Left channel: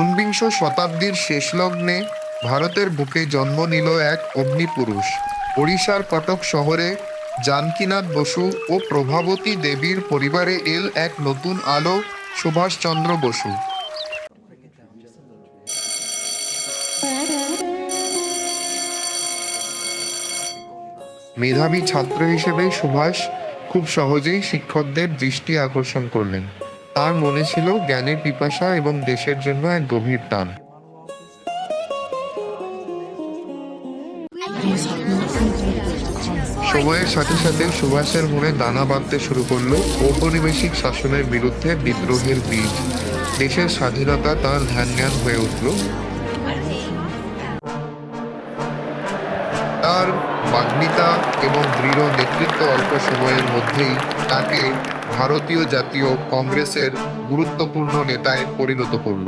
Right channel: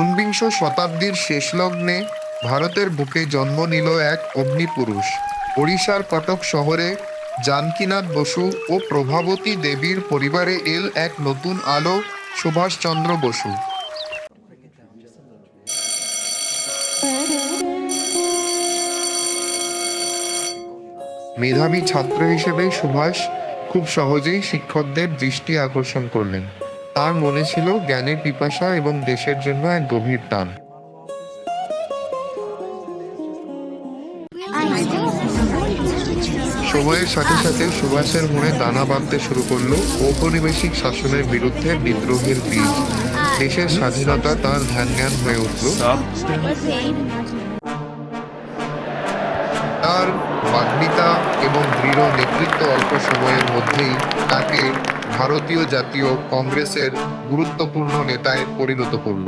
ঊনবিংশ শতাব্দীর শেষ লগ্নে ভারতের বুকে জন্ম নিল এক অগ্নিপুরুষ। ওড়িশার কটক শহরে জানকীনাথ বসু ও প্রভাবতী দেবীর পরিবারে এল এক নতুন আলো, সুভাষচন্দ্র বসু। মেধাবী ছাত্র হিসেবে সুভাষ খুব সহজেই শিক্ষকদের দৃষ্টি আকর্ষণ করলেন। তার মনে ছিল জ্ঞানের পিপাসা এবং দেশের জন্য এক গভীর টান। সময়ের সাথে সাথে সুভাষের মনে দানা বাঁধতে শুরু করলো ঔপনিবেশিক শাসনের বিরুদ্ধে বিদ্রোহের বীজ। দেশের স্বাধীনতা তার ধ্যান হয়ে উঠল। তার বাগ্মিতা এবং দৃঢ় নেতৃত্ব অল্প সময়ের মধ্যেই তাকে ভারতীয় জাতীয় কংগ্রেসের গুরুত্বপূর্ণ নেতায় পরিণত করল।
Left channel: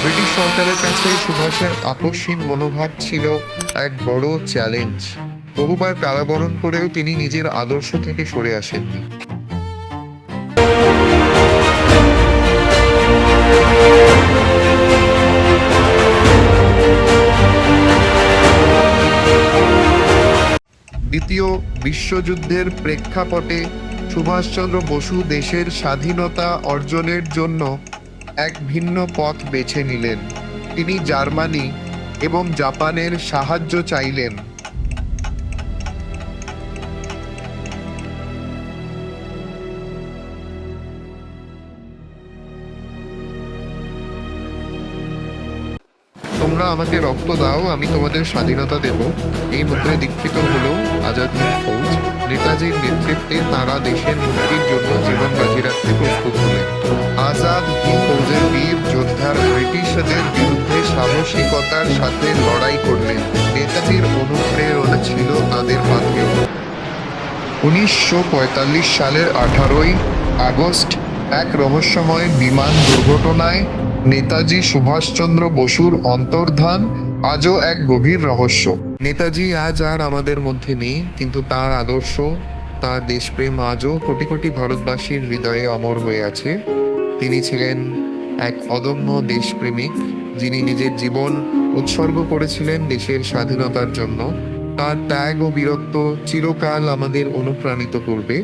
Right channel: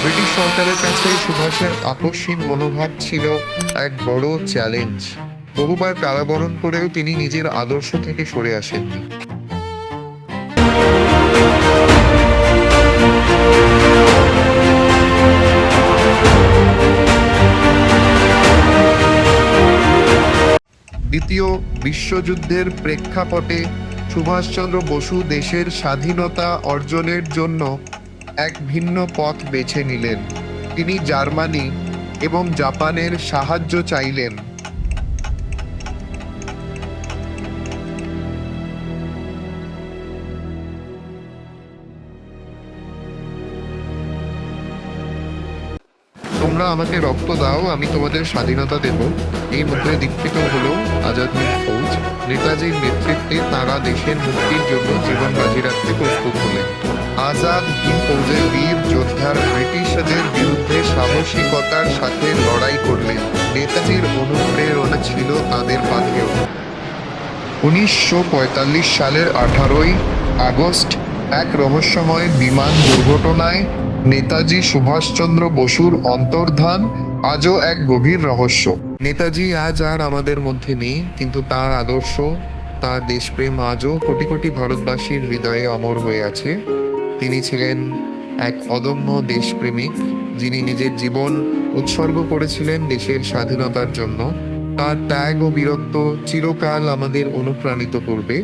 ব্রিটিশ সরকারের কাছে সুভাষের আপসহীন মনোভাব ছিল এক বড় চ্যালেঞ্জ। বহুবার কারাবরণ করেও তিনি নিজের আদর্শ থেকে সরে আসেননি। দ্বিতীয় বিশ্বযুদ্ধের প্রেক্ষাপটে সুভাষচন্দ্র বসু দেশের স্বাধীনতা অর্জনের জন্য এক ভিন্ন পথ বেছে নিলেন। তিনি জার্মানি এবং জাপানের সাহায্য চাইলেন। তোমরা আমাকে রক্ত দাও, আমি তোমাদের স্বাধীনতা দেব, এই মন্ত্রে দীক্ষিত হলো আজাদ হিন্দ ফৌজ। নেতাজির নেতৃত্বে তারা দেশের মুক্তির জন্য জীবন বাজি রাখতে প্রস্তুত হলেন। আজাদ হিন্দ ফৌজের বীর যোদ্ধার ব্রিটিশদের বিরুদ্ধে সাহসিকতার সাথে লড়াই করলেন। নেতাজির অনুপ্রেরণা ছিল তাদের পাথেয়। 1945 সালের 18 আগস্ট এক রহস্যময় বিমান দুর্ঘটনায় নেতাজি সুভাষচন্দ্র বসুর অন্তর্ধান আজও এক গভীর রহস্য। নেতাজি আজ আর আমাদের মধ্যে নেই, কিন্তু তার আদর্শ, তার দেশপ্রেম আজও কোটি কোটি ভারতবাসীর হৃদয়ে অমর হয়ে আছে। তিনি ছিলেন এক অদম্য দেশপ্রেমিক, যিনি নিজের জীবন উৎসর্গ করেছিলেন দেশের স্বাধীনতার জন্য। তার ত্যাগ ও বীরত্ব চিরকাল আমাদের অনুপ্রাণিত করবে।